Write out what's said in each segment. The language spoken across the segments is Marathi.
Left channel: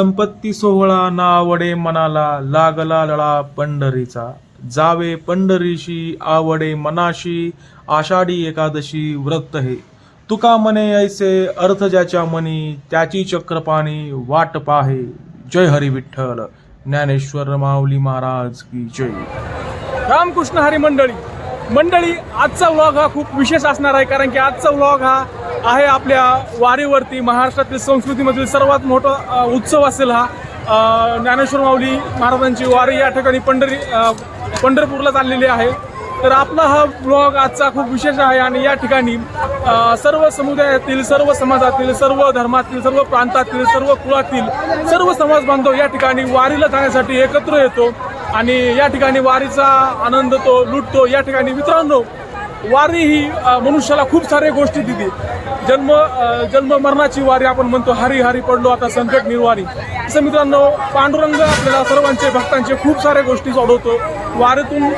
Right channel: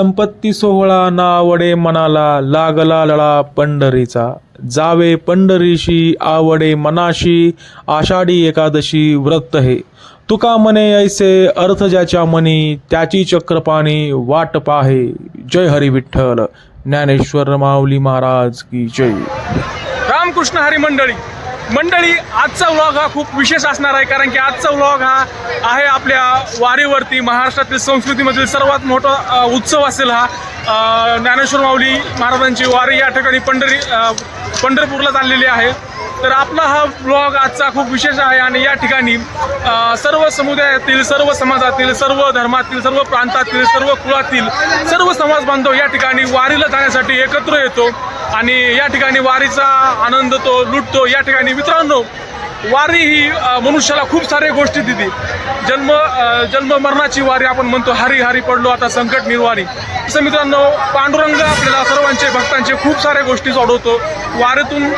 संपत्ती सोहळा नावडे मनाला, लागला लळा पंढरीचा. जावे पंढरीशी आवडे मनाशी, आषाढी एकादशी व्रत हे. तुका म्हणे ऐसे अर्थ ज्याच्या मनी, त्याची चक्रपाणी वाट पाहे. जय हरी विठ्ठल. ज्ञानेश्वर माऊली महाराज की जय. रामकृष्ण हरी मंडळी, आजचा व्लॉग हा खूप विशेष असणार आहे, कारण की आजचा व्लॉग हा आहे आपल्या वारीवरती. महाराष्ट्रातील संस्कृतीमधील सर्वात मोठा उत्सव असेल हा. ज्ञानेश्वर माऊली महाराजांची वारी या ठिकाणी पंढरपूरला चाललेली आहे. तर आपला हा व्लॉग आजचा खूप विशेष आहे आणि या ठिकाणी सर्व समुदायातील, सर्व समाजातील, सर्व धर्मातील, सर्व प्रांतातील, सर्व कुळातील सर्व समाज बांधव या ठिकाणी वारीला जाण्यासाठी एकत्र येतो आणि या ठिकाणी वारीचा आनंद तो लुटतो. या ठिकाणी मित्रांनो, वारी ही मनुष्याला खूप साऱ्या गोष्टी देते. जन्म मरणाची वारी आपण म्हणतो, हरी हरी पडलो आता संकट निर्वारी. तसं मित्रांनो, पांडुरंग आपल्याला सर्वांचे भक्तांचे खूप साऱ्या गोष्टी सोडवतो. वारीतून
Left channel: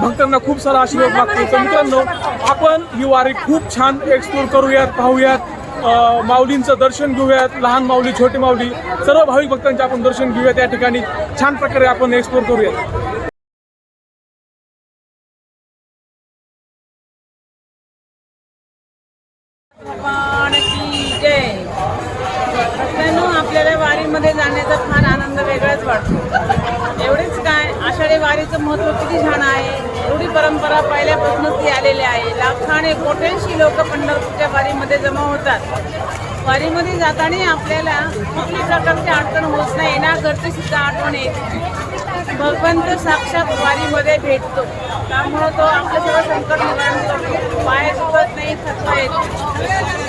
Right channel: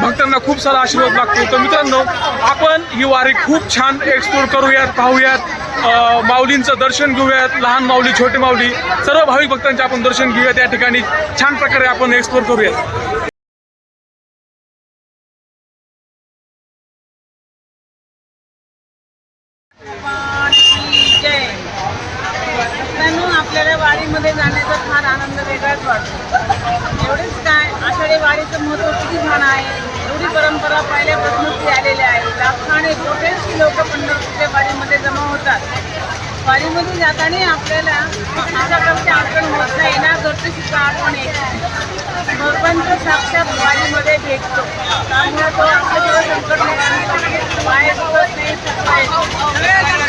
भक्तांना खूप सारा आशीर्वाद लागतो. तर मित्रांनो, आपण ही वारी खूप छान एक्सप्लोर करूयात, पाहूयात, माऊलींचं दर्शन घेऊयात. लहान माऊली, छोटे माऊली, सर्व भाविक भक्तांचे आपण दर्शन घेऊयात. या ठिकाणी छान प्रकारे आपण एक्सप्लोर करूयात. आपल्याला वारीमध्ये जाण्याचा फार आनंद वेगळाच वाटतो. एवढेच काय, आषाढी वारीचं महत्त्व किती छान आहे. एवढी परंपरा पहिल्यापासून ती आलेली आहे. लाखाने कोट्यांशी लोक पंढरपूरच्या वारीमध्ये जमा होतात. वारीमध्ये जाताना आपल्याला अशाकडची आठवण होत नाही ना, घरची सुद्धा आठवण येते. भगवंत साक्षात वारीमध्ये भेटतो. त्यामुळे तो आपल्या संकट बाहेर दुखत नाही, थकवा येतो.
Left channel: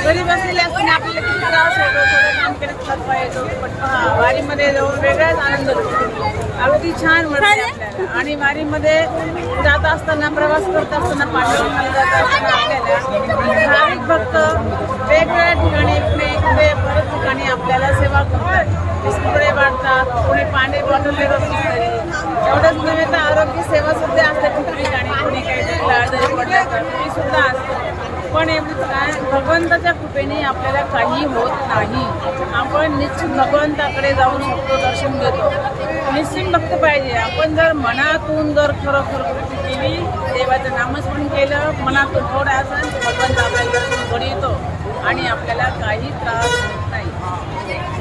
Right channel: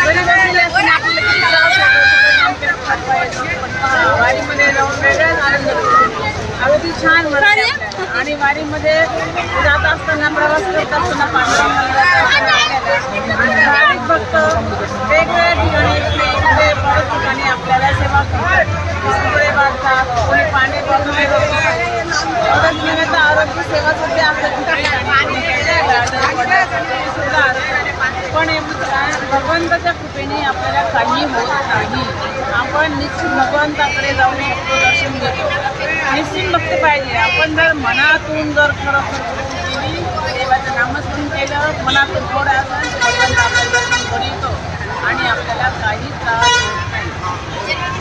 घरी बसलेले असताना आपल्याला किती त्रास होतो, वारीमध्ये जाऊन वेगळाच आनंद होतो. अगदी छान वाटते. आणि वारीमध्ये जात असताना, प्रवास करत असताना, भाविक भक्त वेगवेगळ्या ठिकाणी बऱ्याच ठिकाणी आपल्याला सेवा करतात. पुस्तके वाटतात, कोणी पाणी बॉटल एवढंच नव्हे तर आरोग्य सेवा सुद्धा आपल्या ठिकाणी सुद्धा असते. पण भगवंताच्या कृपेने आपल्याला काही होत नाही. आपण निश्चित भगवंताकडे जाऊ शकतो, दर्शन घेतो. निश्चित भक्त पाहिजे. आपण जर मनातून जर खरोखर भक्ती केली, देवाचं नामस्मरण केलं, मनातून थोडं असेल तर भगवंत आपल्याला दर्शन घेऊन येतो आणि आपल्याला काही त्रास होत नाही.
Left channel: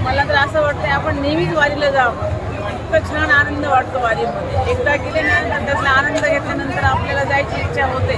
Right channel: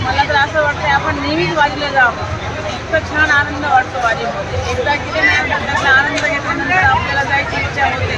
मला तर असं वाटतं आपण नेहमीच वारीला जावं. इतकं छान आनंद वाटतो वारीमध्ये. एकदा गेले ना, त्याचा आनंद घेतल्यानंतर आपल्याला जायची इच्छा होते.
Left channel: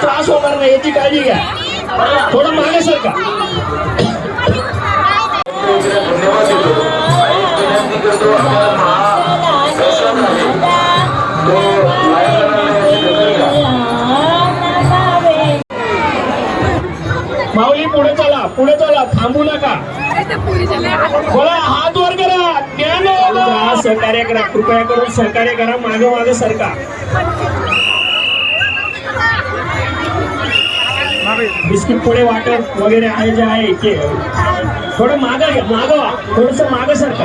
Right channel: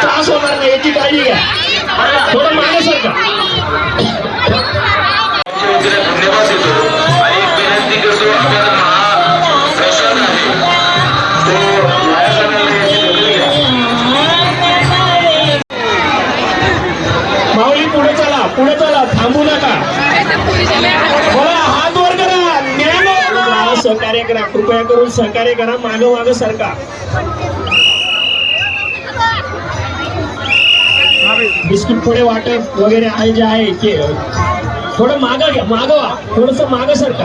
त्रास होणार नाही याची काळजी घ्या. थोडं मागासारखा माऊली, पुढे चला, थांबू नका. हात वर करा, ज्ञान सहकार्य करा, कृपया करून सहकार्य करा. मागं सरका. बिस्किट पुढे वाटप वगैरे आहे जे आहे ते थोडं मागवा, थोडस मागं सरका.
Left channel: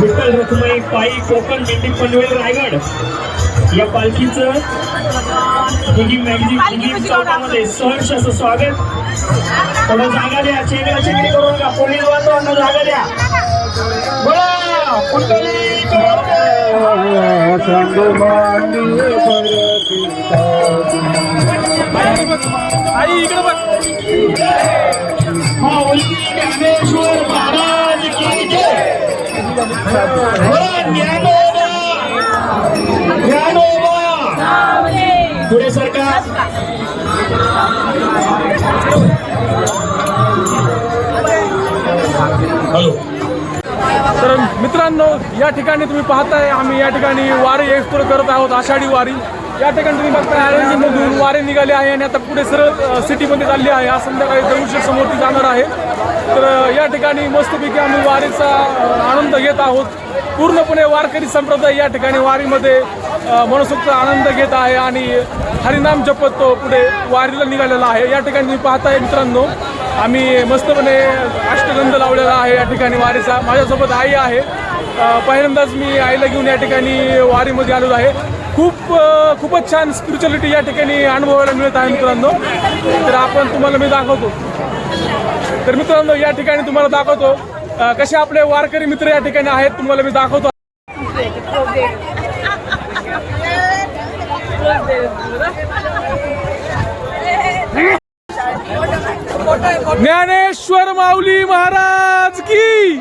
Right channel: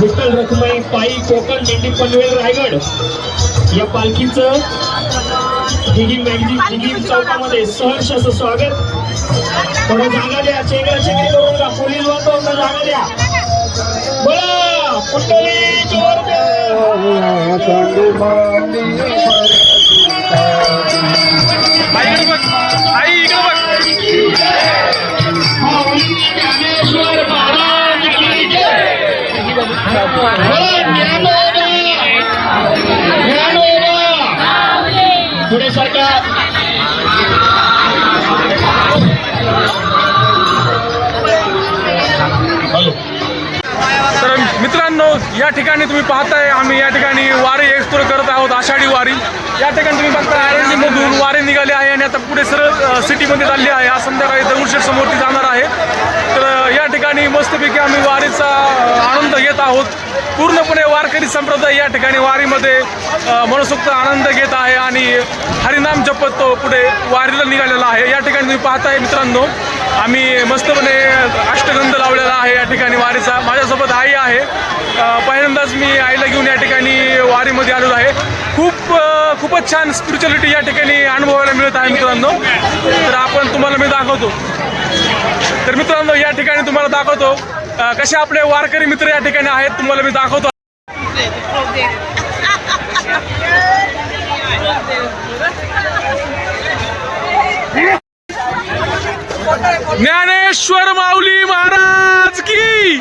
विठ्ठल रखुमाई पायी कोकण, मेंढी पनवेल, रायगड या पालखीचं दिघी चौकामध्ये सहर्ष असं स्वागत. थोडं जागा द्या, चेंगरी करून का, पोलीस वाहतूक जागा द्या. बोला कुंडली आई इकडे बघ. पुढे सरकार. तर मित्रांनो, या ठिकाणी तुम्ही पाहताय, आम्ही या ठिकाणी वारी एक्सप्लोर करत आहोत, आषाढी वारी. या ठिकाणी तुम्ही बघता आळंदीमधून वारी निघाली आहे आणि आता पुढे सरळ सिटीमध्ये चालली आहे. आज संध्याकाळी दगडूशेठ समोर ती जाणार आहे. तर या ठिकाणी मस्तपैकी आम्ही वारीचा आनंद घेत आहोत. पूर्णपणे वारकरी संप्रदाय या ठिकाणी वारीमध्ये मनसोक्त आनंद घेत आहे आणि हरिनाम जपत तो पुढे वारीला निघालेला आहे. या ठिकाणी तुम्ही पाहताय मित्रांनो, आम्ही मस्तपणे अष्टगंध लावलेला आहे या ठिकाणी वारीचा. माझ्यासोबत आई आहे. पहिल्यांदाच मी आईला घेऊन या ठिकाणी वारीमध्ये आलेलो आहे. खूपच छान स्पिरिच्युअलिटी या ठिकाणी अनुभवायला मिळत आहे मित्रांनो. तर आपण तुम्हाला मी दाखवतो. तर मित्रांनो या ठिकाणी तुम्हाला दाखवतो कसे आपले वारकरी मित्र या ठिकाणी आहेत. तुम्हाला मी दाखवतो. ज्ञानेश्वर माऊली महाराज की.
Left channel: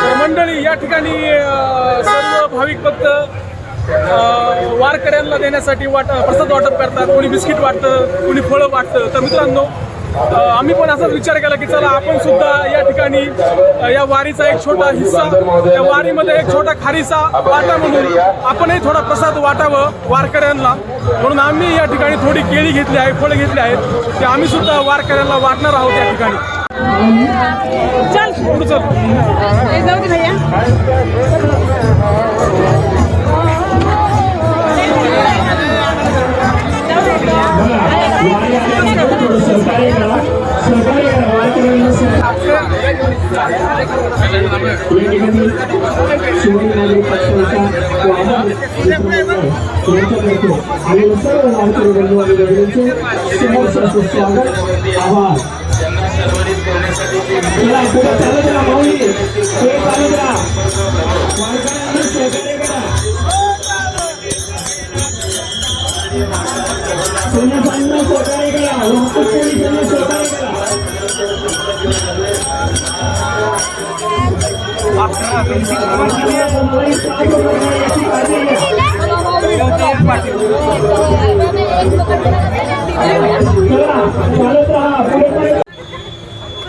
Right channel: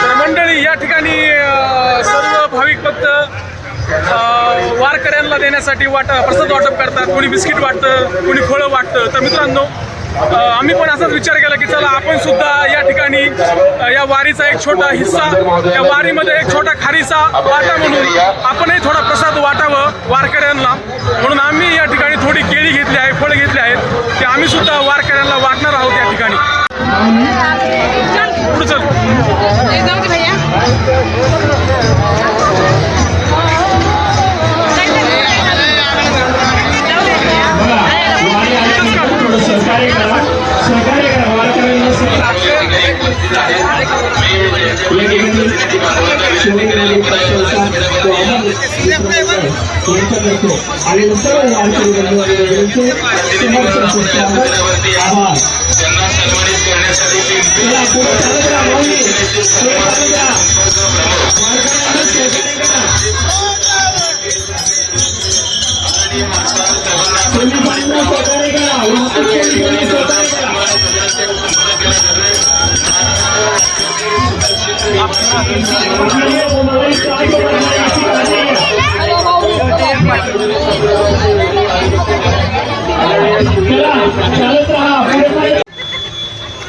तर मंडळी या ठिकाणी सर्व भाविक भक्त वारकऱ्यांना देण्यासाठी प्रसाद वाटप करतात. कोणी बिस्किट वाटतं, कोणी फळं वाटतं. तर मित्रांनो आम्ही पण असाच विचार केला की चला आपण सुद्धा या ठिकाणी या वारीचा एक छोटा हिस्सा, या वारीमध्ये एक छोटा खारीचा वाटा म्हणून आपणही थोडा प्रसाद वाटावं वारकऱ्यांना. म्हणून आम्ही या ठिकाणी थोडी केळी घेतली आहे, फळं घेतली आहेत. ते आम्ही सुद्धा वारकऱ्यांना वाटणार आहोत या ठिकाणी. पुढं चल.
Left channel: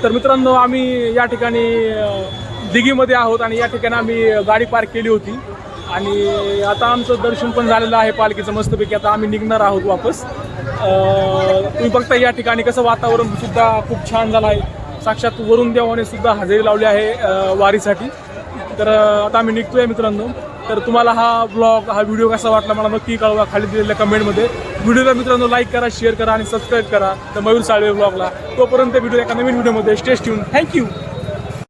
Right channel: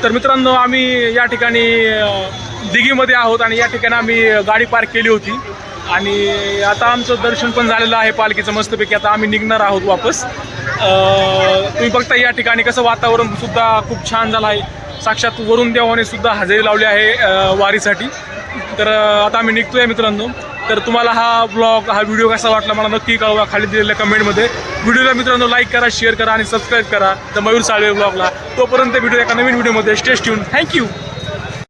तर मित्रांनो आम्ही या ठिकाणी दिघीमध्ये आहोत आणि या ठिकाणी आम्ही गाडी पार्क केली होती आणि आता आमचं दर्शन पण झालेलं आहे पालखीचं मस्तपैकी. आता आम्ही निघणार आहोत वापस. तुम्ही बघता या ठिकाणी कसं वातावरण सुद्धा खूप छान झालं आहे. साक्षात वरुण देवाने सुद्धा हजेरी लावली आहे वारीसाठी. तर आता आम्ही निघतोय मित्रांनो. तर तुम्हाला हा ब्लॉग, हा व्हिडिओ कसा वाटला मला नक्की कळवा खाली दिलेल्या कमेंटमध्ये. व्हिडिओला मित्रांनो लाईक करा, शेअर करा आणि सबस्क्राईब करा द मयूर साळवे ब्लॉगला. तोपर्यंत व्हिडिओ एका नवीन व्हिडिओमध्ये. Stay tune. थँक्यू.